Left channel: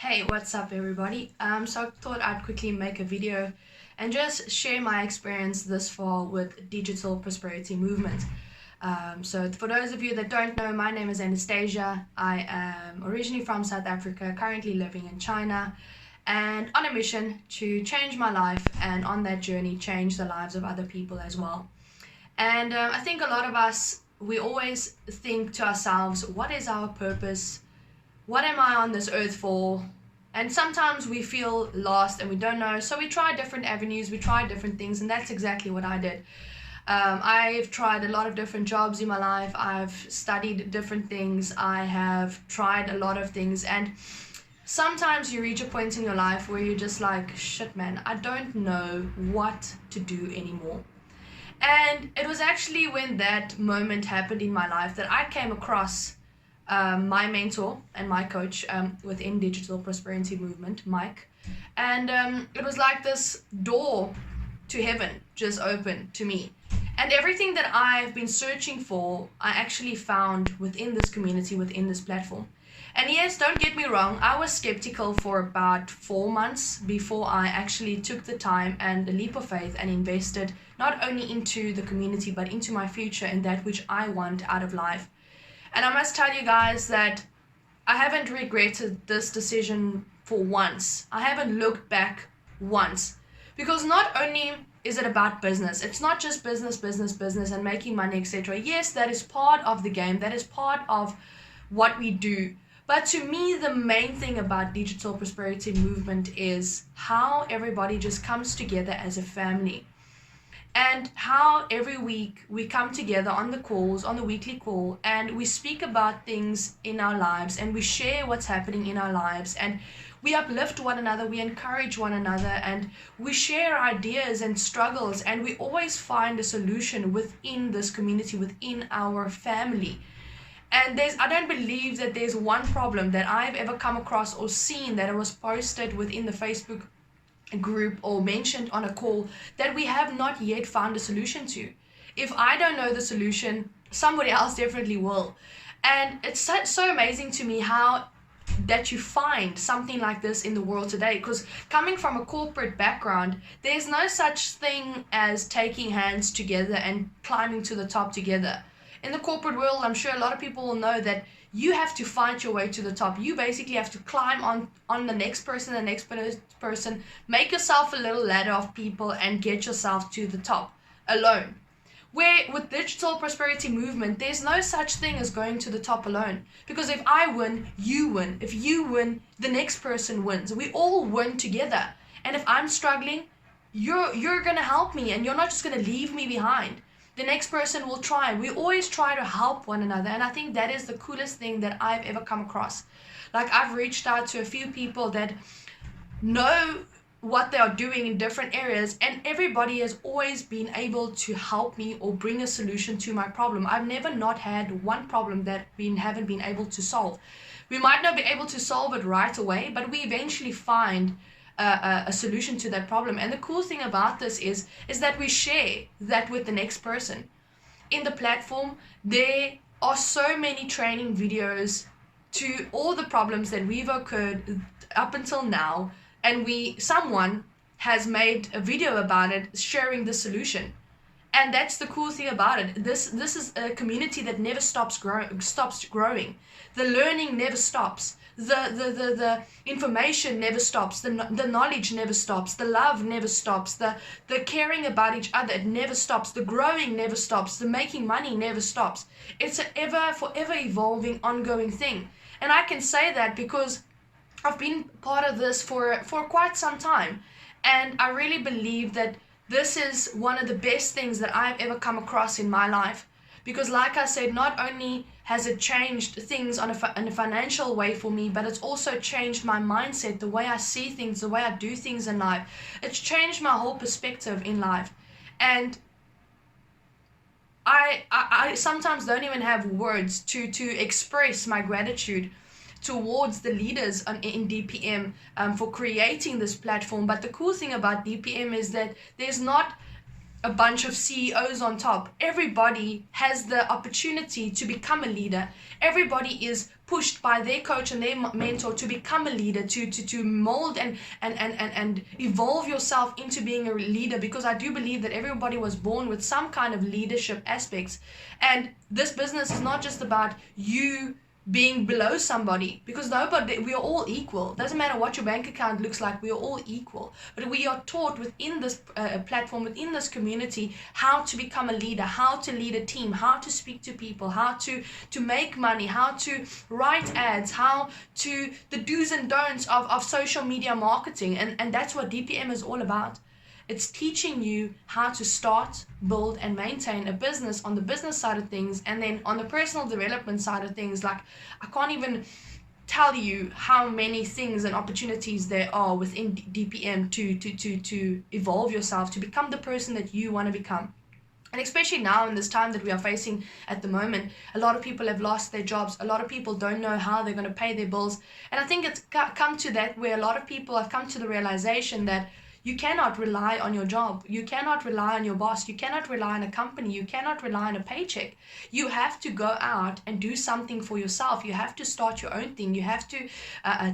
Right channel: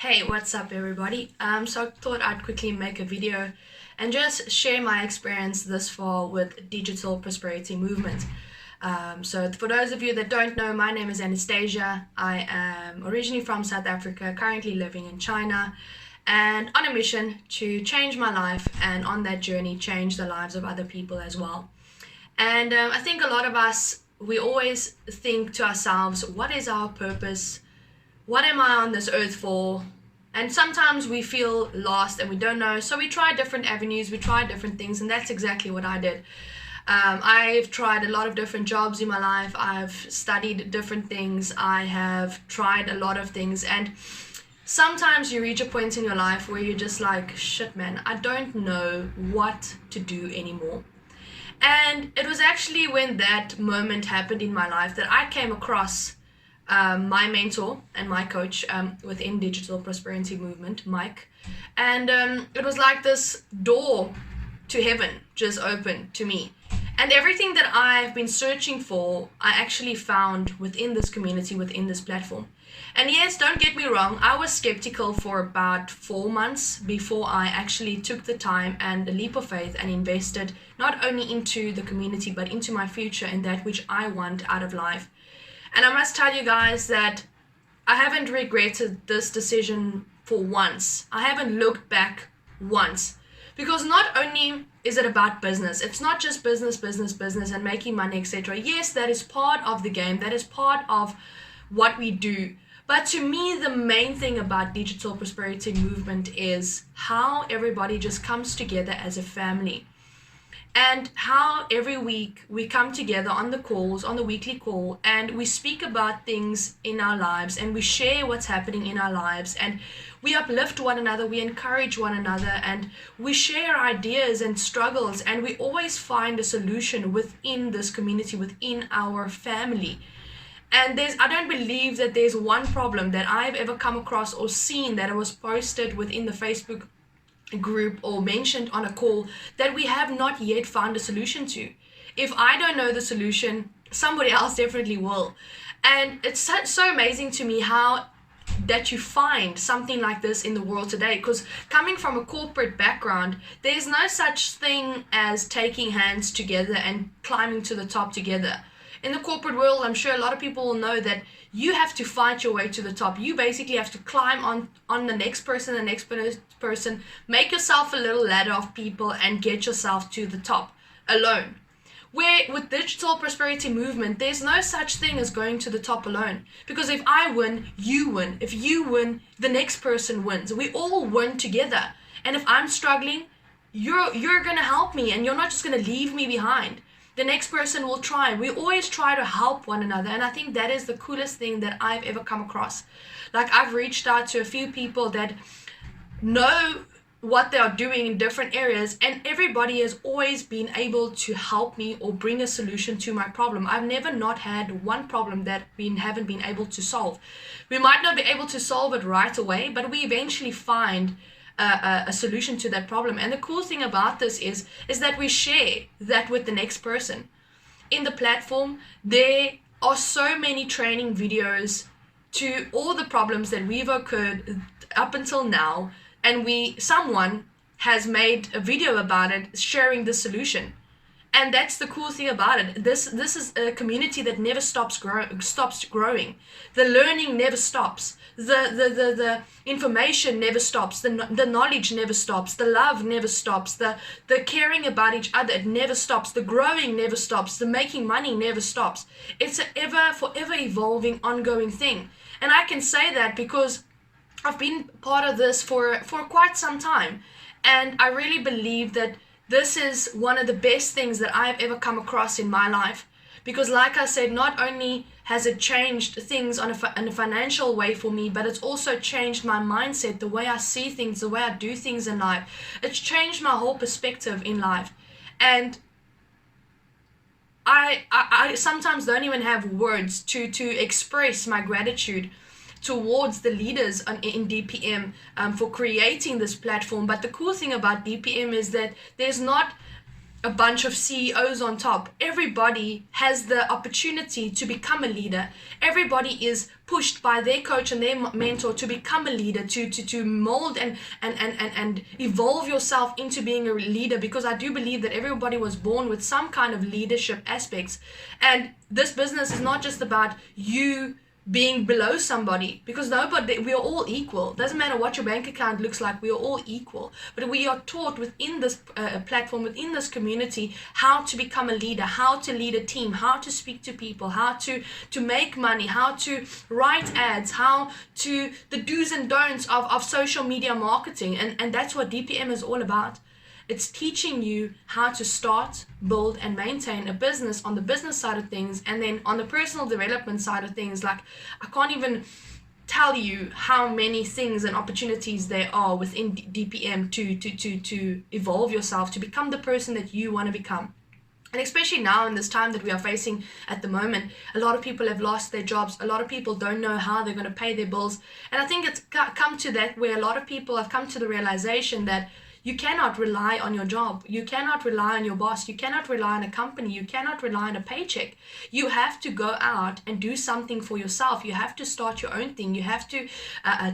Hey, what's up everybody? So I thought I'd quickly make a video and just share my experience this far with digital prosperity movement. So for those of you that don't know, my name is Anastasia. I am originally from South Africa, currently living in China, and on a mission to change my life, and on that journey change the lives of other people as well. And I think a lot of us, we always think to ourselves, what is our purpose? What am I on this earth for? And sometimes we feel lost and we don't know, so we try different avenues, we try different things, and that's exactly what I did. I've tried a lot of different jobs in my life, I've studied different things, I have tried a lot of things, and sometimes you reach a point in your life where you're just like, shit man, I don't know what to do anymore. And it was actually when that moment happened in my life that I came across my mentor and my coach within digital prosperity movement, Mike. And it was like this door to heaven just opened to me. And everything that I've been searching for, I actually found within this community, within this platform. And yes, don't get me wrong, I was skeptical for about 4 months before I actually took the time and the leap of faith and invested not only into the community but into my future and that which I want out of life. And I must tell you guys that I haven't regretted this decision for once. I haven't looked back once. Because not only is it about business, it's not just business and making money, etc. Yes, that is part of the game, that is part of what we do. But to me, the main thing about digital prosperity movement is how everybody just comes together as a family. And how every week we come together on the calls, on the weekly call, and we speak about things in our lives and we share what's happening in our lives and we uplift one another, we encourage one another, and we share ideas and struggles, and we always find a solution within this community, within our family. And I don't believe that there's one problem that I've ever come across or seen that was posted within the Facebook group or mentioned on a call that we have not yet found a solution to. If I don't know the solution, somebody else definitely will. And it's so amazing to me how that you find something like this in the world today, because coming from a corporate background, there's no such thing as taking hands together and climbing to the top together. In the corporate world, I'm sure a lot of people will know that you have to fight your way to the top. You basically have to climb on the next person, make yourself a little ladder of people and get yourself to the top alone. Where with digital prosperity movement, there's no such thing as going to the top alone. Because if I win, you win. If you win, the next person wins. We all win together. And if I'm struggling, you're gonna help me, and you're not just gonna leave me behind. The next person will try. We always try to help one another, and I think that is the coolest thing that I've ever come across. Like, I've reached out to a few people that know what they are doing in different areas, and everybody has always been able to help me or bring a solution to my problem. I've never not had one problem that we haven't been able to solve. We might not be able to solve it right away, but we eventually find a solution to that problem. And the cool thing about this is that we share that with the next person. In the platform, there are so many training videos to all the problems that we've occurred up until now, and someone has made a video about it, sharing the solution. And that's the cool thing about it. This is a community that never stops growing. The learning never stops. The information never stops. The knowledge never stops. The love never stops. The caring about each other, it never stops. The growing never stops. The making money never stops. It's an forever evolving, ongoing thing. And I can say that because I've been part of this for quite some time. And I really believe that this is one of the best things that I've ever come across in my life. Because like I said, not only has it changed things in a financial way for me, but it's also changed my mindset, the way I see things, the way I do things in life. It's changed my whole perspective in life. And I sometimes don't even have words to express my gratitude towards the leaders in DPM for creating this platform. But the cool thing about DPM is that there's not a bunch of CEOs on top. Everybody has the opportunity to become a leader. Everybody is pushed by their coach and their mentor to become a leader, to mold and evolve yourself into being a leader, because I do believe that everybody was born with some kind of leadership aspects. And this business is not just about you being below somebody, because we are all equal. Doesn't matter what your bank account looks like, we are all equal. But we are taught within this platform, within this community, how to become a leader, how to lead a team, how to speak to people, how to make money, how to write ads, how to the do's and don'ts of social media marketing. And that's what DPM is all about. It's teaching you how to start, build, and maintain a business on the business side of things, and then on the personal development side of things. Like, I can't even tell you how many things and opportunities there are within DPM to evolve yourself, to become the person that you want to become. And especially now in this time that we are facing at the moment, a lot of people have lost their jobs. A lot of people don't know how they're going to pay their bills. And I think it's come to that where a lot of people have come to the realization that you cannot rely on your job. You cannot rely on your boss. You cannot rely on a company. You cannot rely on a paycheck. You have to go out and do something for yourself. You have to start your own thing. You have to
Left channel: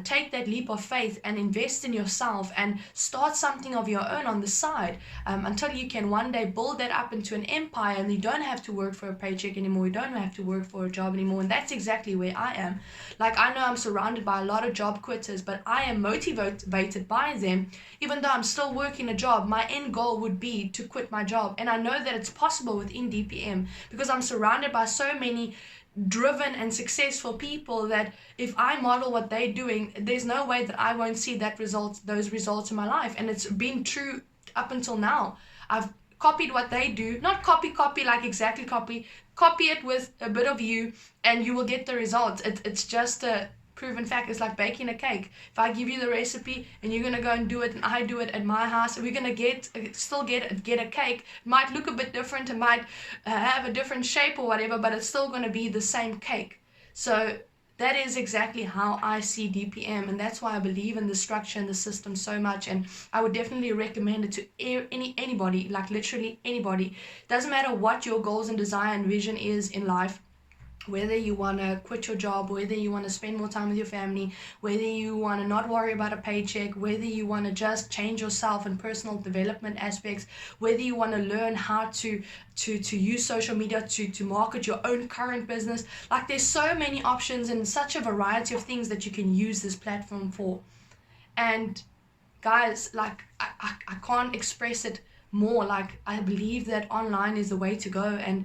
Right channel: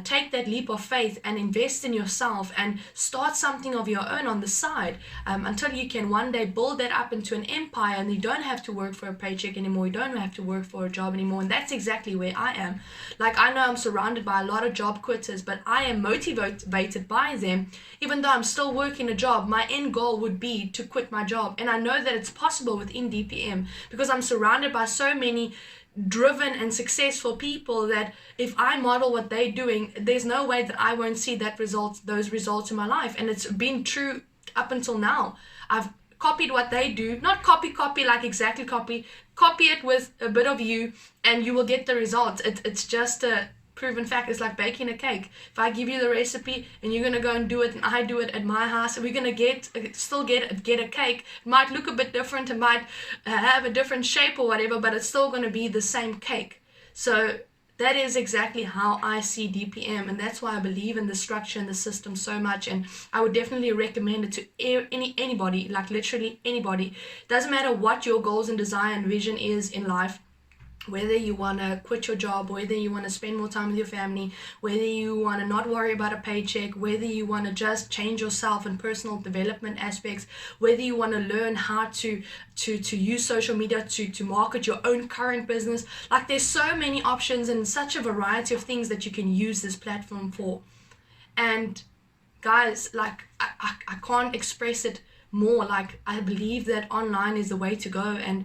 take that leap of faith and invest in yourself and start something of your own on the side, until you can one day build that up into an empire, and you don't have to work for a paycheck anymore. You don't have to work for a job anymore. And that's exactly where I am. Like, I know I'm surrounded by a lot of job quitters, but I am motivated by them. Even though I'm still working a job, my end goal would be to quit my job. And I know that it's possible within DPM, because I'm surrounded by so many driven and successful people that if I model what they're doing, there's no way that I won't see those results in my life. And it's been true up until now. I've copied what they do, not copy like exactly copy it with a bit of you, and you will get the results. It's just a proven fact. It's like baking a cake. If I give you the recipe and you're gonna go and do it, and I do it at my house, we're gonna still get a cake. It might look a bit different, it might have a different shape or whatever, but it's still gonna be the same cake. So that is exactly how I see DPM, and that's why I believe in the structure and the system so much. And I would definitely recommend it to anybody, like literally anybody. Doesn't matter what your goals and desire and vision is in life. Whether you want to quit your job, whether you want to spend more time with your family, whether you want to not worry about a paycheck, whether you want to just change yourself in personal development aspects, whether you want to learn how to use social media to market your own current business. Like, there's so many options and such a variety of things that you can use this platform for. And guys, like, I can't express it more. Like, I believe that online is the way to go, and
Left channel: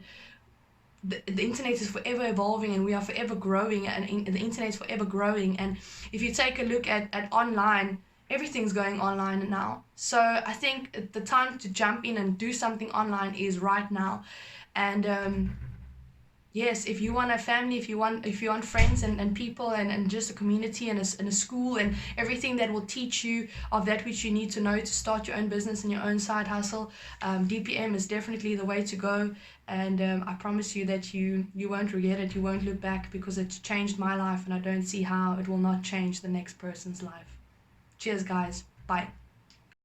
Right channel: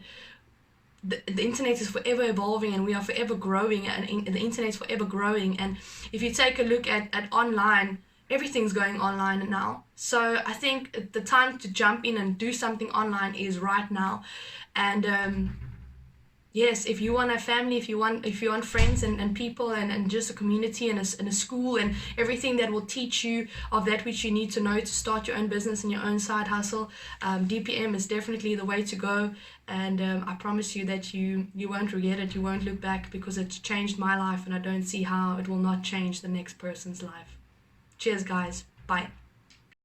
the internet is forever evolving, and we are forever growing, and the internet is forever growing. And if you take a look at online, everything's going online now. So I think the time to jump in and do something online is right now. And yes, if you want a family, if you want friends and people and just a community and a school and everything that will teach you of that which you need to know to start your own business and your own side hustle, DPM is definitely the way to go. And I promise you that you won't regret it. You won't look back, because it's changed my life, and I don't see how it will not change the next person's life. Cheers, guys. Bye.